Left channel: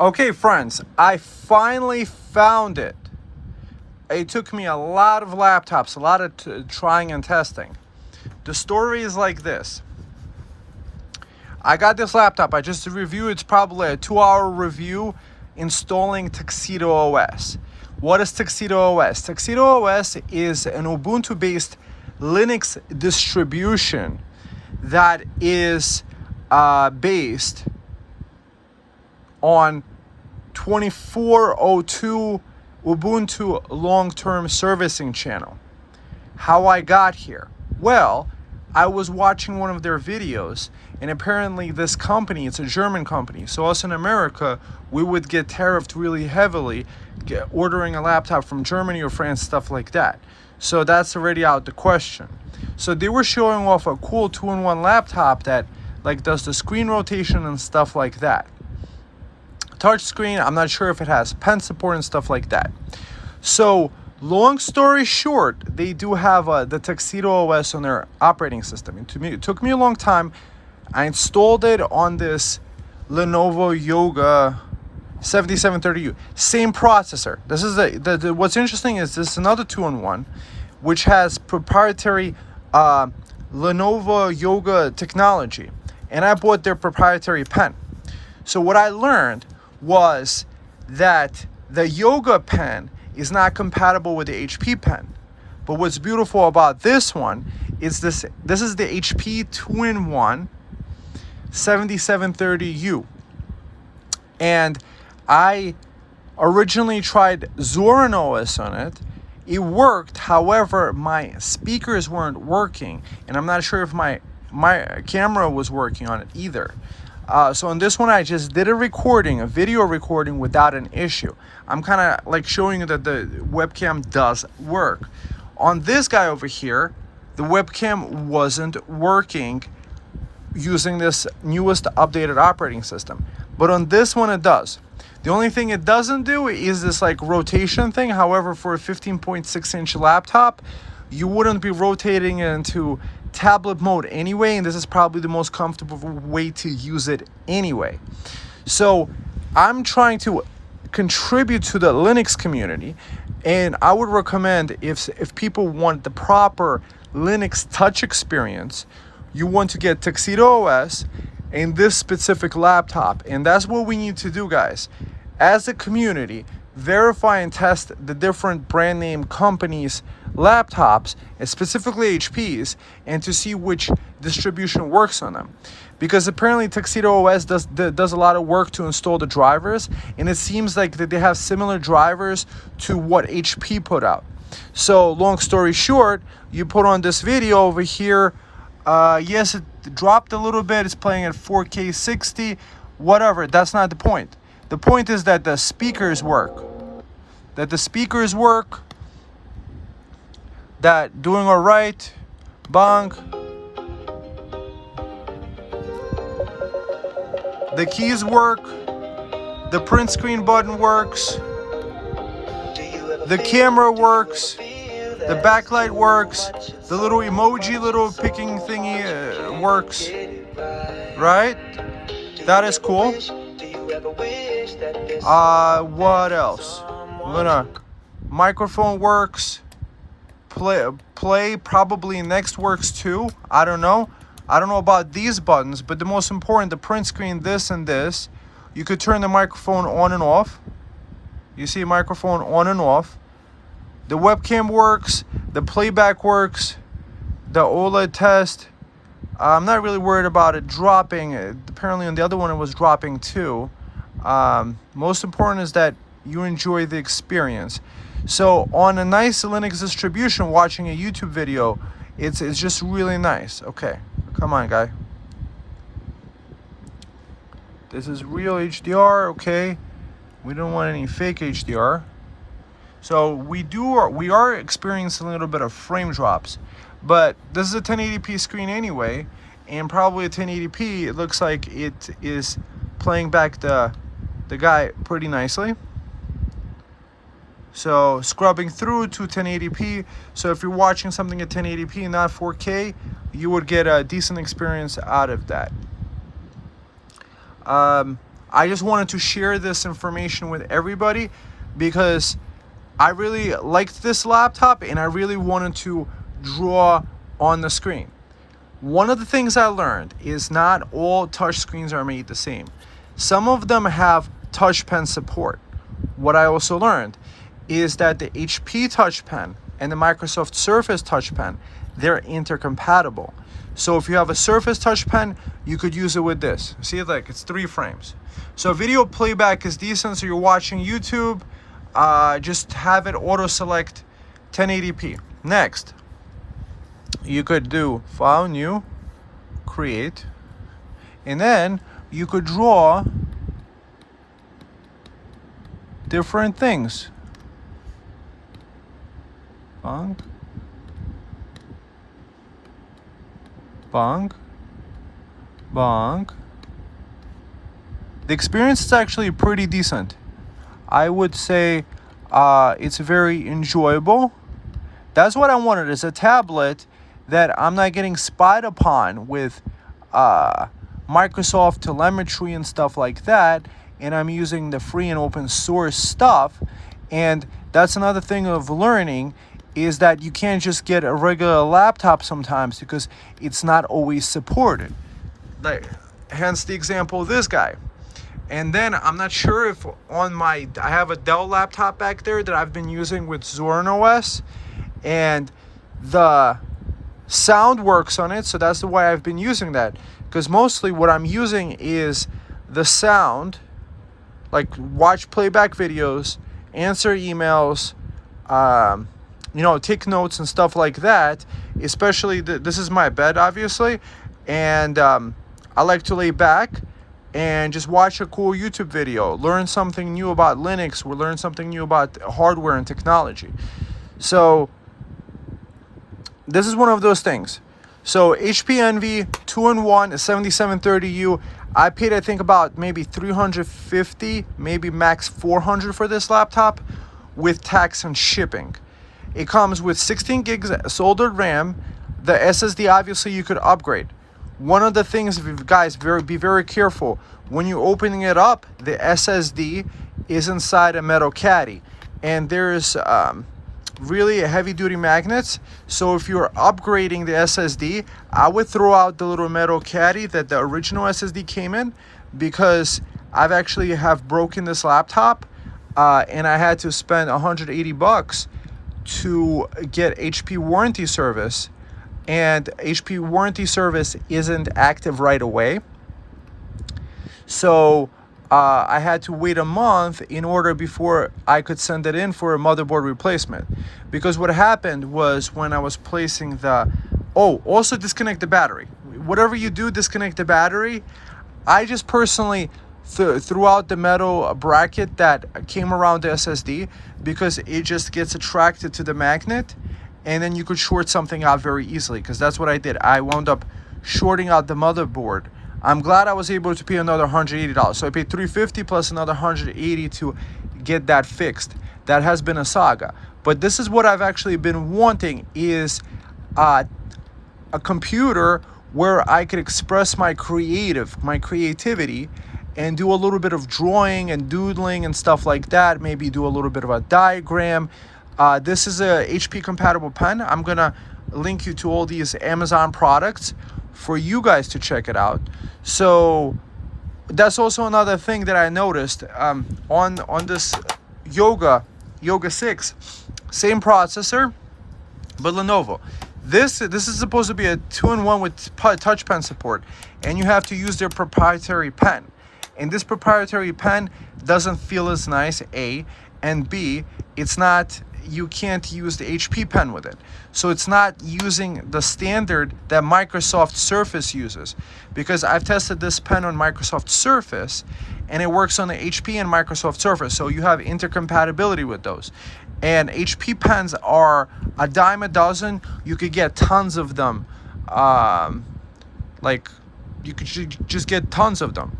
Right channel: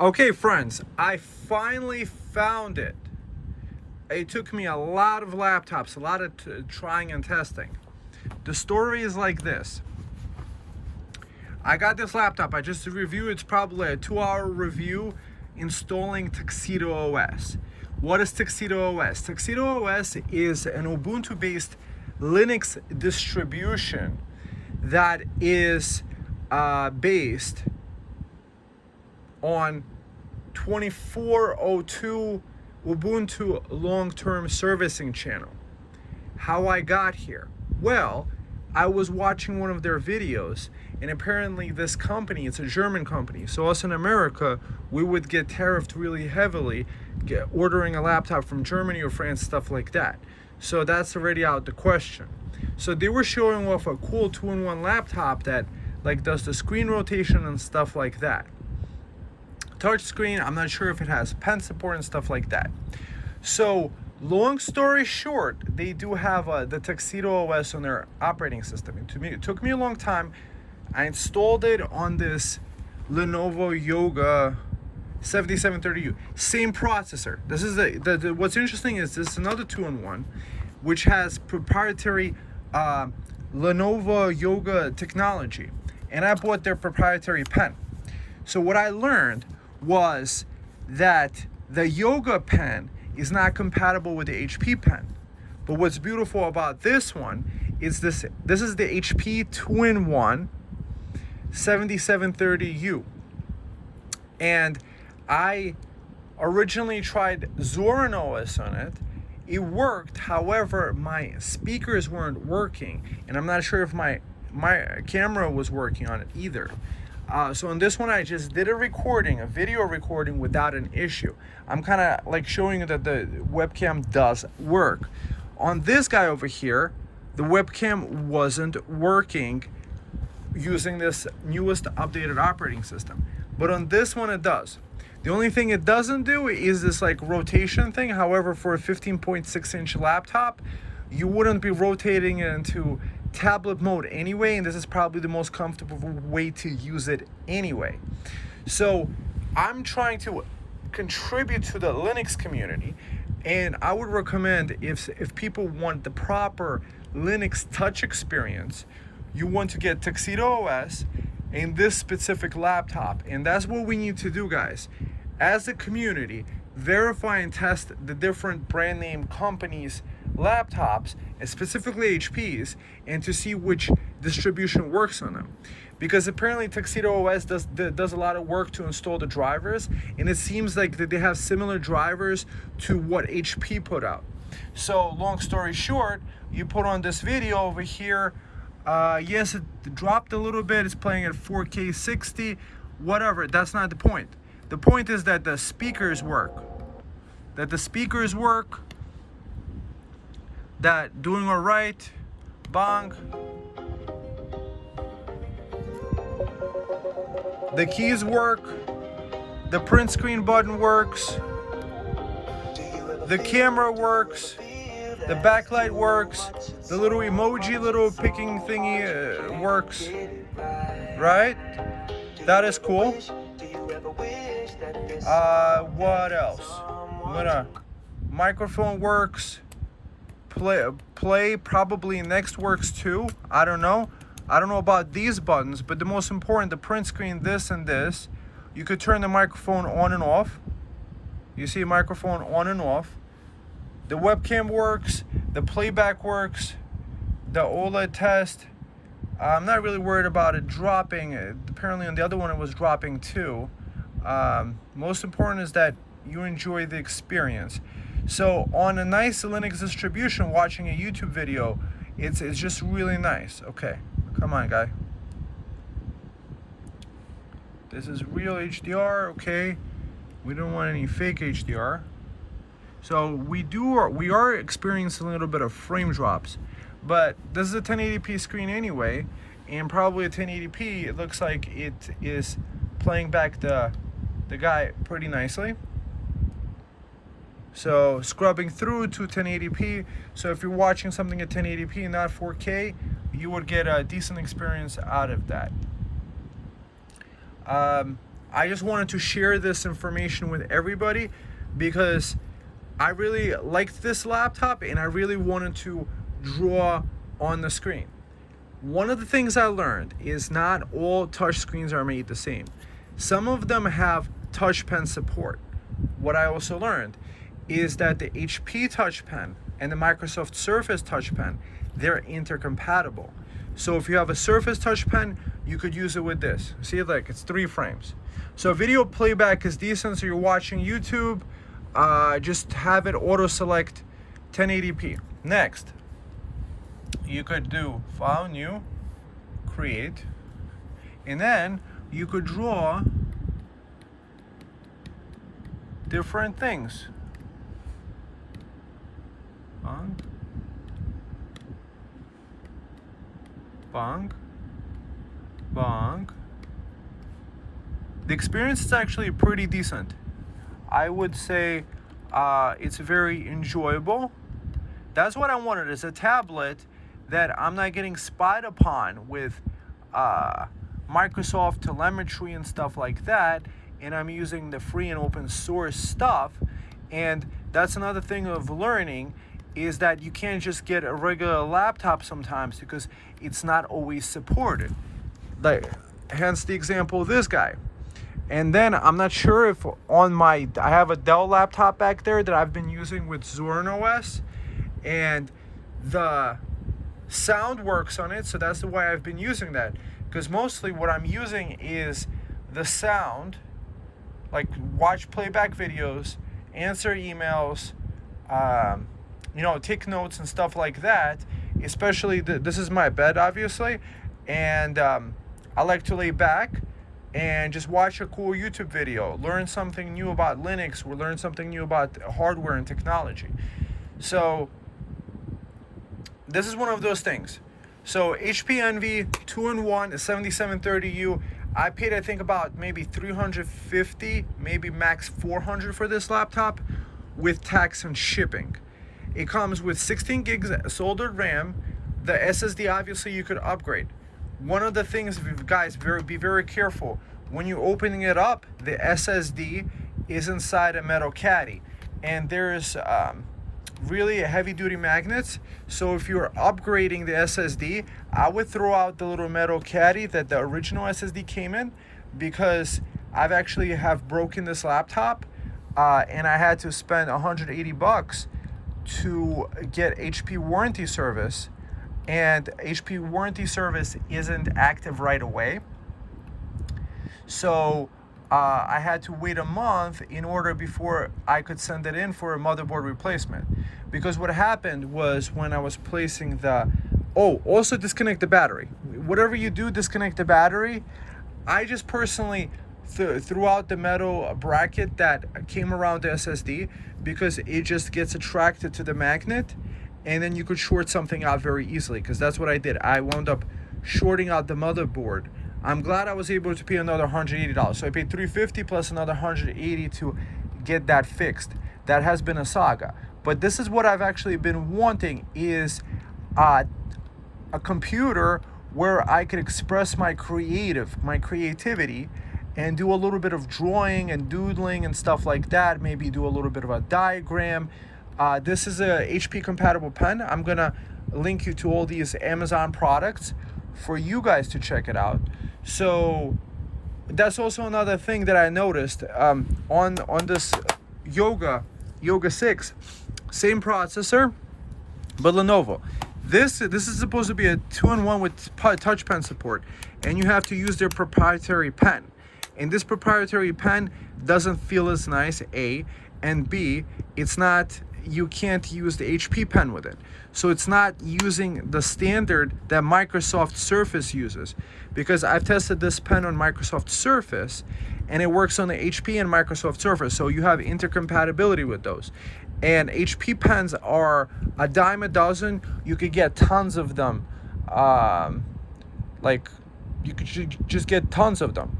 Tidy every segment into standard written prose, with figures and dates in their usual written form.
Okay, friends, I finally found it. It took me a lot of laptops, a lot of trying and testing. The story is like this. I got this laptop. I just reviewed. It's probably a 2-hour review installing Tuxedo OS. What is Tuxedo OS? Tuxedo OS is an Ubuntu-based Linux distribution that is based on 2402 Ubuntu long-term servicing channel. How I got here? Well, I was watching one of their videos, and apparently this company, it's a German company, so us in America, we would get tariffed really heavily ordering a laptop from Germany or France, stuff like that. So that's already out the question. So they were showing off a cool 2-in-1 laptop that like does the screen rotation and stuff like that. Touch screen, I'm not sure if it has pen support and stuff like that. So long story short, they do have the Tuxedo OS on their operating system. And to me, it took me a long time. I installed it on this Lenovo Yoga 7730U. Same processor. This is what's interesting is this is another 2-in-1, which has proprietary Lenovo Yoga technology. And I bought their proprietary pen. So what I learned was that the Yoga pen is not compatible with the HP pen. But what's beautiful about this one is this is the HP 2-in-1 7730U. And I originally tried Zorin OS on it. It worked, however, my speakers weren't working, and I'm not sure if my camera was working on it either. So on this one, I just did a video recording without an issue. I'm kind of like showing you that the webcam does work. On this guy over here, the webcam wasn't working using this newest updated operating system. But on this one, it does. The only thing it doesn't do is this like rotation thing. However, for a 15.6-inch laptop, you wouldn't be rotating it into tablet mode anyway, and this is probably the most comfortable way to use it anyway. So I'm trying to contribute to the Linux community, and I would recommend if people want the proper Linux touch experience, you want to get Tuxedo OS and this specific laptop. And that's what we need to do, guys. As a community, verify and test the different brand name companies' laptops, and specifically HP's, and to see which distribution works on them. Because apparently Tuxedo OS does a lot of work to install the drivers, and it seems like that they have similar drivers to what HP put out. So long story short, you put on this video over here. Yes, it dropped a little bit. It's playing at 4K 60, whatever. That's not the point. The point is that the speakers work. That doing all right. Bang. The keys work. The print screen button works. The camera works. The backlight works. The little emoji, little picking thingy works. Right? That is cool. What else? Microphone works. Play probably next works too. I don't know about these buttons, but the most important, the print screen, this and this. You could turn the microphone on and off. You see microphone on and off. The webcam works, the playback works, the OLED test. I'm not really worried about it dropping. Apparently on the other one it was dropping too. Most important is that you enjoy the experience. So on a nice Linux distribution, watching a YouTube video, it's just really nice. Okay, come on, guy. This is real HDR, okay. We don't want any fake HDR. So we are experiencing a little bit of frame drops, but this is a 1080p screen anyway, and probably a 1080p. It looks like it is playing back the guy pretty nicely. So scrubbing through to 1080p. So if you're watching something at 1080p and not 4K, you would get a decent experience out of that. I just wanted to share this information with everybody because I really liked this laptop and I really wanted to draw on the screen. One of the things I learned is not all touch screens are made the same. Some of them have touch pen support. What I also learned is that the HP touch pen and the Microsoft Surface touch pen, they're intercompatible. So if you have a Surface touch pen, you could use it with this. See, like it's 3 frames. So video playback is decent. So you're watching YouTube, just have it auto select 1080p. Next, you could do File, New, Create, and then you could draw different things. Bonk, bonk, bonk. The experience is actually pretty decent. I would say it's very enjoyable. That's what I wanted, is a tablet that I'm not getting spied upon with Microsoft telemetry and stuff like that, and I'm using the free and open source stuff. And that's another thing of learning, is that you can't just get a regular laptop sometimes because it's not always supported. Like, hence the example of this guy. And then I'm not sure if on I have a Dell laptop back there that I've been using with Zorin OS, and the sound works on it, so that's the way I've been using that. Because mostly what I'm using is the sound, like watch playback videos, answer emails, take notes and stuff like that. Especially this is my bed, obviously, and I like to lay back and just watch a cool YouTube video, learn something new about Linux, or learn something new about hardware and technology. So this is one of those things. So HP Envy 2-in-1 is 7730U. I paid, I think, about maybe $350, maybe max $400 for this laptop with tax and shipping. It comes with 16 gigs soldered RAM. The SSD, obviously, you could upgrade. One of the things, guys, be very careful. When you're opening it up, the SSD is inside a metal caddy. And there's really heavy-duty magnets. So if you're upgrading the SSD, I would throw out the little metal caddy that the original SSD came in, because I've actually have broken this laptop and I had to spend $180 to get HP warranty service, and HP warranty service isn't active right away. So I had to wait a month in order before I could send it in for a motherboard replacement. Because what happened was, when I was placing also disconnect the battery. Whatever you do, disconnect the battery. I just personally threw out the metal bracket that came around the SSD, because it just gets attracted to the magnet, and then you could short something out very easily, because that's what I did. I wound up shorting out the motherboard. I'm glad I was able to pay another $180. So I paid $350 plus another $180 to get that fixed. That has been a saga. But this is what I've actually been wanting, is a computer where I could express my creativity, and do a little bit of drawing and doodling and stuff like that. Maybe do a little bit of a diagram. This is a HP compatible pen. I'm gonna link you to all these Amazon products for you guys to check it out. So that's also another thing that I noticed on this Yoga 6, same processor, but Lenovo. This is supposed to be a 2-in-1 with touch pen support, and you have to use their proprietary pen. And this proprietary pen doesn't feel as nice, A, and B, you can't use the HP pen with it. So it's not using the standard that Microsoft Surface uses. Because I've tested this pen on Microsoft Surface, and it works on the HP and Microsoft Surface. So you have intercompatibility with those. And HP pens are a dime a dozen. You could get tons of them. You could just get tons of them.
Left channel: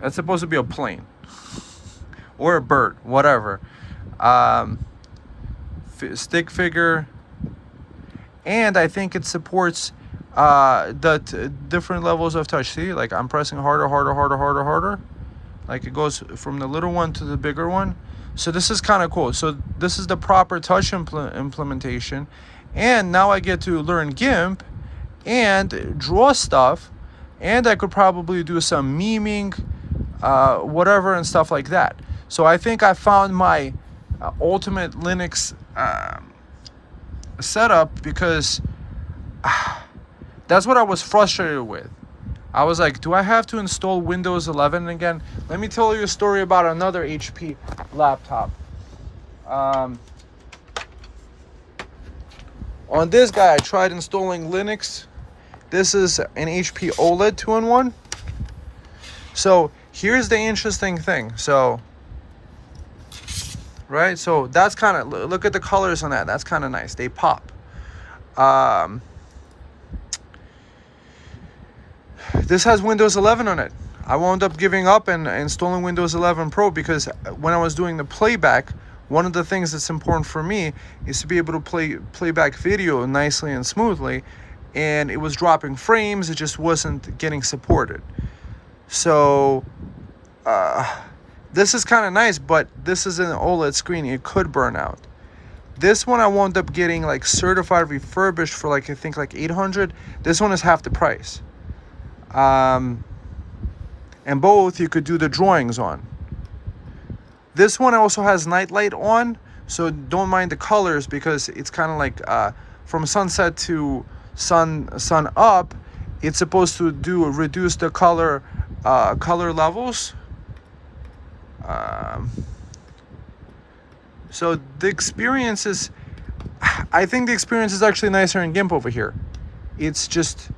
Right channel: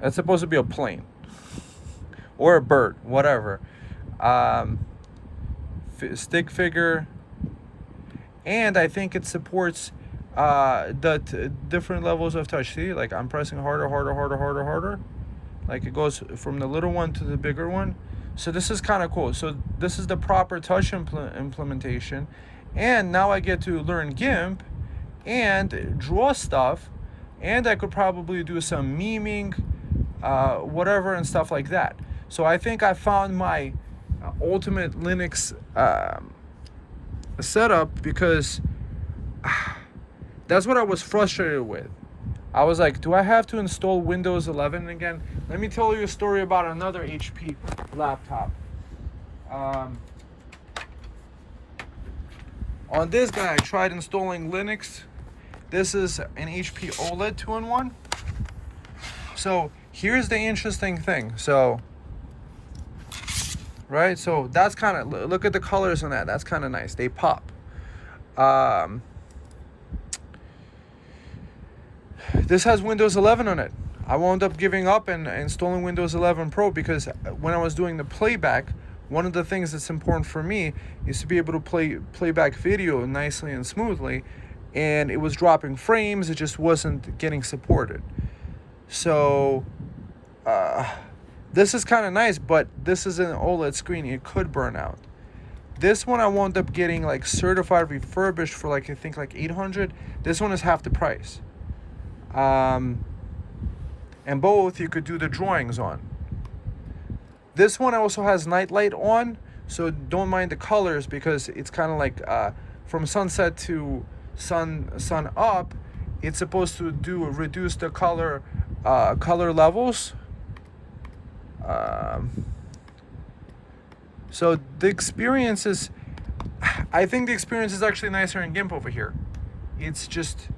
That's supposed to be a plane or a bird, whatever. Stick figure. and I think it supports different levels of touch. See, like I'm pressing harder. Like it goes from the little one to the bigger one. So this is kind of cool. So this is the proper touch implementation. And now I get to learn GIMP and draw stuff. And I could probably do some memeing, whatever, and stuff like that. So I think I found my ultimate Linux setup, because that's what I was frustrated with. I was like, do I have to install Windows 11 again? Let me tell you a story about another HP laptop. On this guy, I tried installing Linux. This is an HP OLED 2-in-1. So here's the interesting thing. So, right? So that's kind of, look at the colors on that. That's kind of nice. They pop. This has Windows 11 on it. I wound up giving up and installing Windows 11 Pro, because when I was doing the playback, one of the things that's important for me is to be able to play back video nicely and smoothly, and it was dropping frames. It just wasn't getting supported. So this is kind of nice, but this is an OLED screen. It could burn out. This one I wound up getting like certified refurbished for like, I think like $800. This one is half the price. And both you could do the drawings on. This one also has night light on, so don't mind the colors, because it's kind of like from sunset to sun up. It's supposed to reduce the color levels. So the experience is, I think the experience is actually nicer in GIMP over here. It's just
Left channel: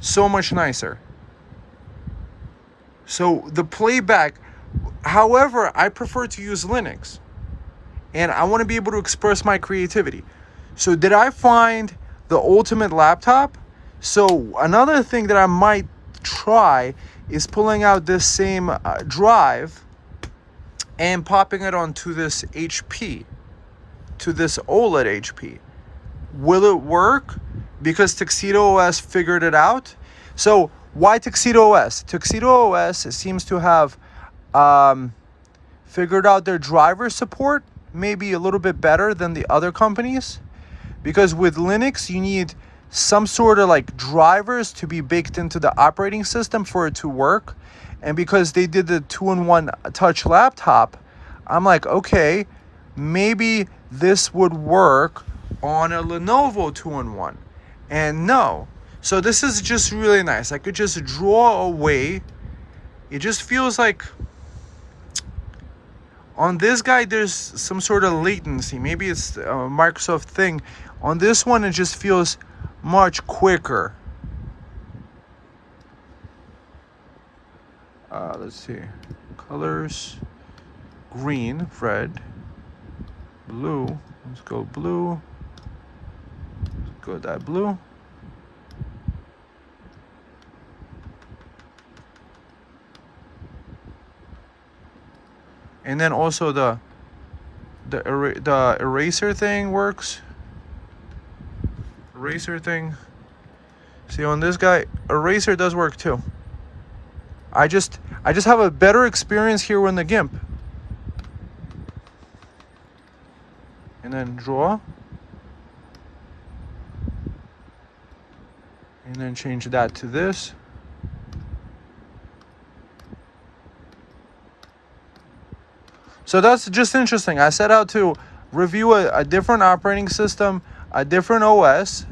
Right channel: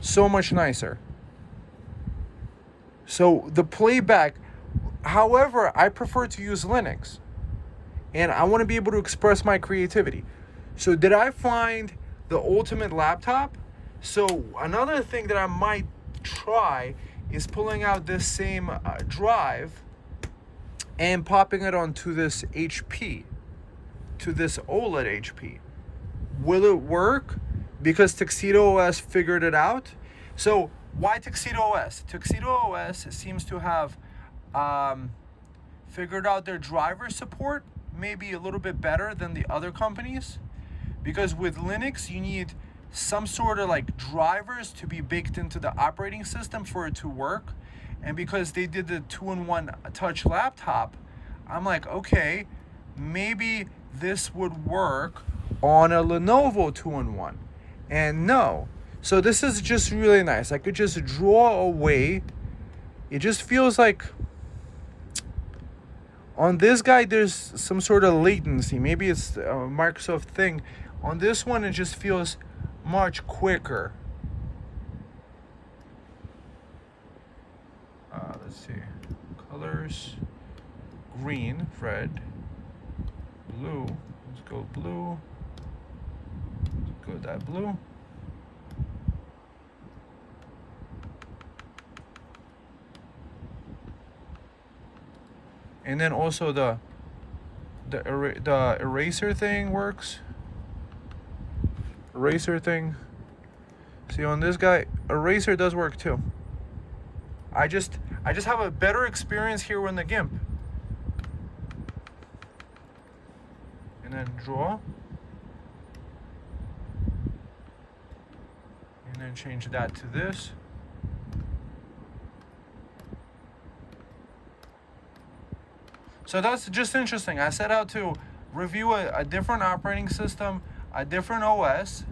so much nicer. So the playback, however, I prefer to use Linux, and I want to be able to express my creativity. So did I find the ultimate laptop? So another thing that I might try is pulling out this same drive and popping it onto this HP, to this OLED HP. Will it work? Because Tuxedo OS figured it out. So why Tuxedo OS? Tuxedo OS seems to have figured out their driver support maybe a little bit better than the other companies. Because with Linux, you need some sort of like drivers to be baked into the operating system for it to work. And because they did the 2-in-1 touch laptop, I'm like, okay, maybe this would work on a Lenovo 2-in-1. And no. So this is just really nice. I could just draw away. It just feels like on this guy there's some sort of latency. Maybe it's a Microsoft thing. On this one, it just feels much quicker. Let's see. Colors. Green, red, blue. Let's go blue. Let's go that blue. And then also the eraser thing works. Eraser thing. See, on this guy, eraser does work too. I just have a better experience here in the GIMP. And then draw. And then change that to this. So that's just interesting. I set out to review a different operating system, a different OS,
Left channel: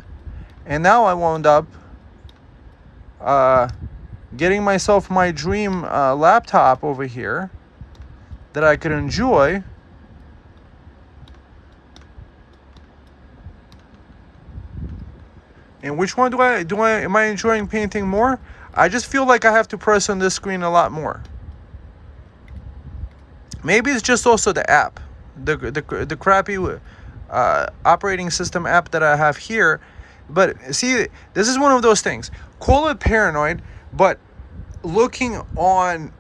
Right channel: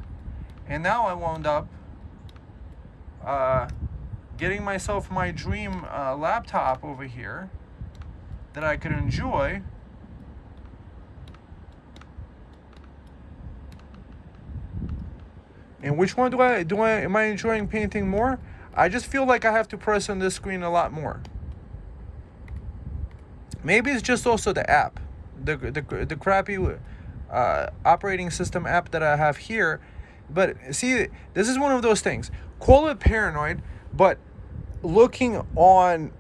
and now I wound up getting myself my dream laptop over here that I could enjoy. And which one am I enjoying painting more? I just feel like I have to press on this screen a lot more. Maybe it's just also the app, the crappy operating system app that I have here. But see, this is one of those things. Call it paranoid, but working on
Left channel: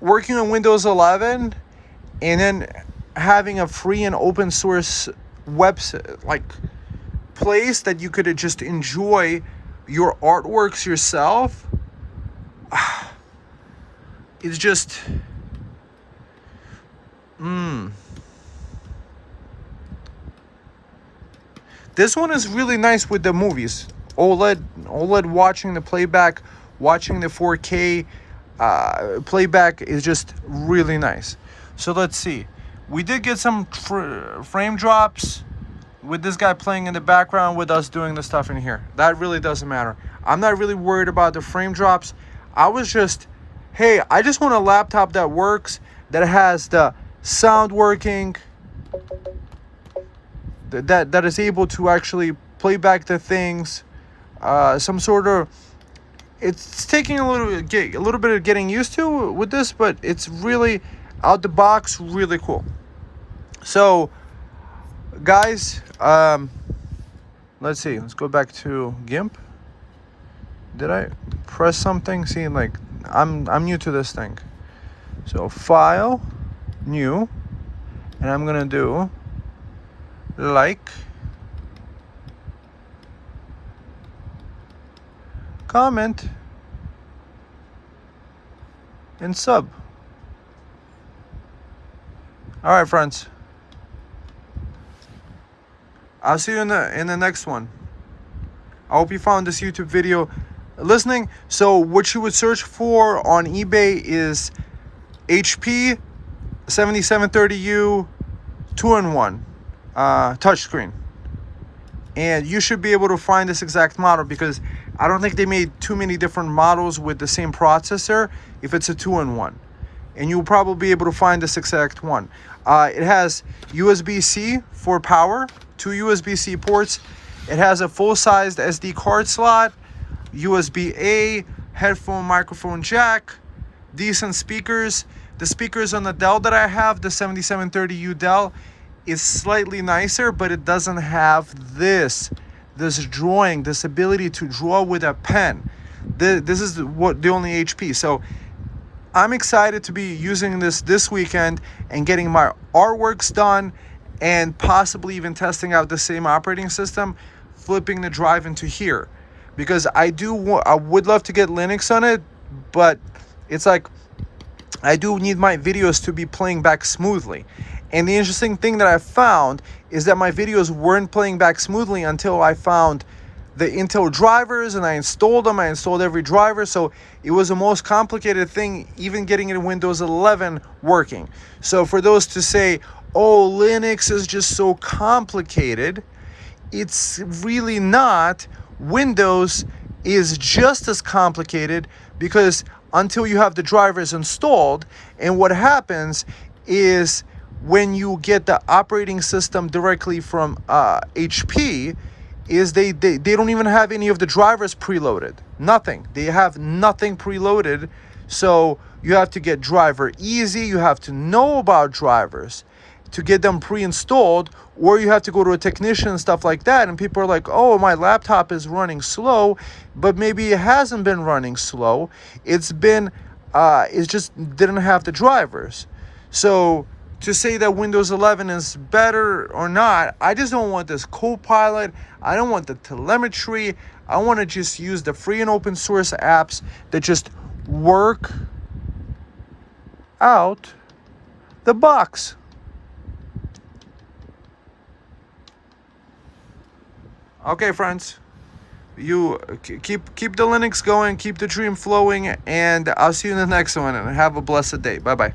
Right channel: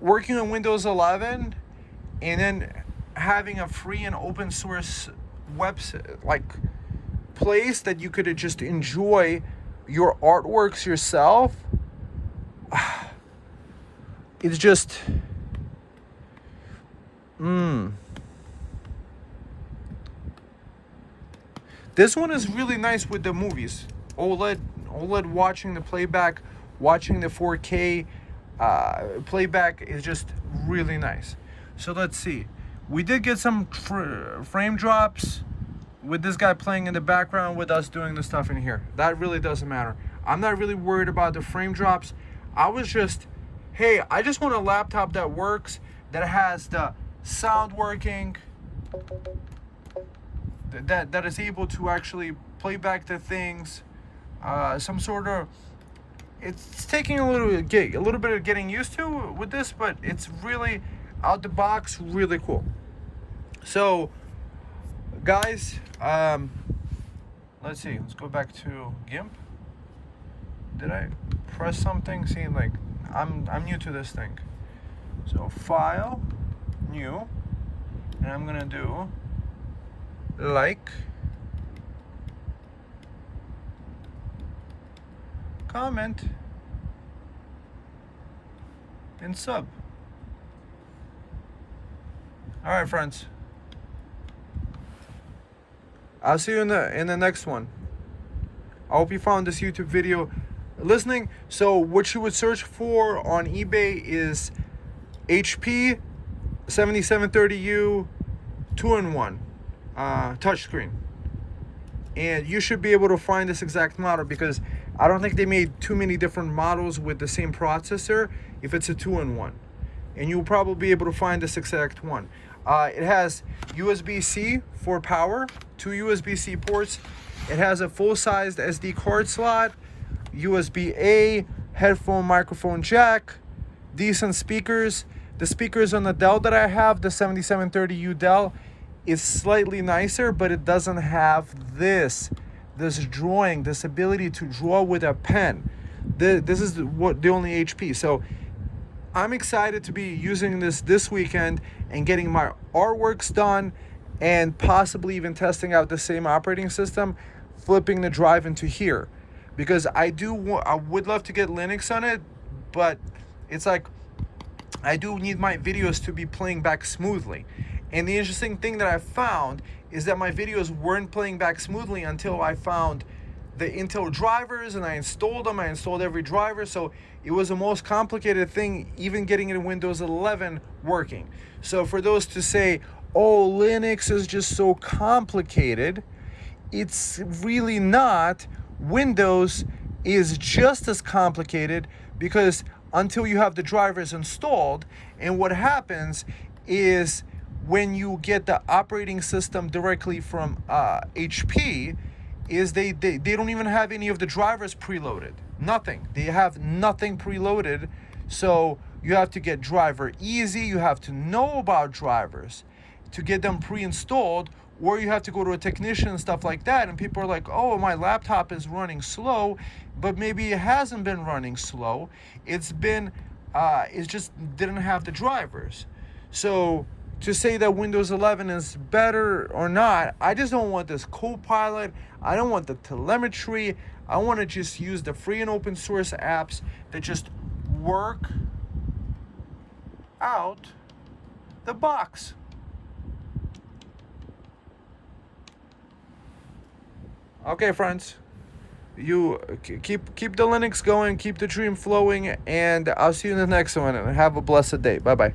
Windows 11 and then having a free and open source website, like place that you could just enjoy your artworks yourself, it's just This one is really nice with the movies. OLED watching the playback, watching the 4K playback is just really nice. So let's see. We did get some frame drops with this guy playing in the background with us doing the stuff in here. That really doesn't matter. I'm not really worried about the frame drops. I was just, hey, I just want a laptop that works, that has the sound working, that is able to actually play back the things. Some sort of, it's taking a little bit of getting used to with this, but it's really out the box, really cool. So guys, let's see, let's go back to GIMP. Did I press something? See, like, I'm new to this thing. So file, new, and I'm gonna do like, comment, and sub. All right, friends. I'll see you in the next one. I hope you found this YouTube video listening. So what you would search for on eBay is HP 7730U 2-in-1 touchscreen, and you should be able to find this exact model, because I don't think they made too many different models with the same processor if it's a 2-in-1, and you'll probably be able to find this exact one. It has USB-C for power, 2 USB-C ports. It has a full-sized SD card slot, USB-A, headphone microphone jack, decent speakers. The speakers on the Dell that I have, the 7730U Dell, is slightly nicer, but it doesn't have this drawing, this ability to draw with a pen. This is the only HP. So I'm excited to be using this weekend and getting my artworks done, and possibly even testing out the same operating system, flipping the drive into here, because I would love to get Linux on it, but it's like I do need my videos to be playing back smoothly. And the interesting thing that I found is that my videos weren't playing back smoothly until I found the Intel drivers, and I installed them. I installed every driver, so it was the most complicated thing, even getting it in Windows 11 working. So for those to say, oh, Linux is just so complicated, it's really not. Windows is just as complicated, because until you have the drivers installed, and what happens is when you get the operating system directly from HP, is they don't even have any of the drivers preloaded. Nothing. They have nothing preloaded. So you have to get driver easy. You have to know about drivers to get them pre-installed, or you have to go to a technician and stuff like that. And people are like, oh, my laptop is running slow, but maybe it hasn't been running slow. It's just didn't have the drivers. So to say that Windows 11 is better or not, I just don't want this Copilot. I don't want the telemetry. I want to just use the free and open source apps that just work out the box. Okay, friends, you keep the Linux going, keep the dream flowing, and I'll see you in the next one, and have a blessed day. Bye-bye.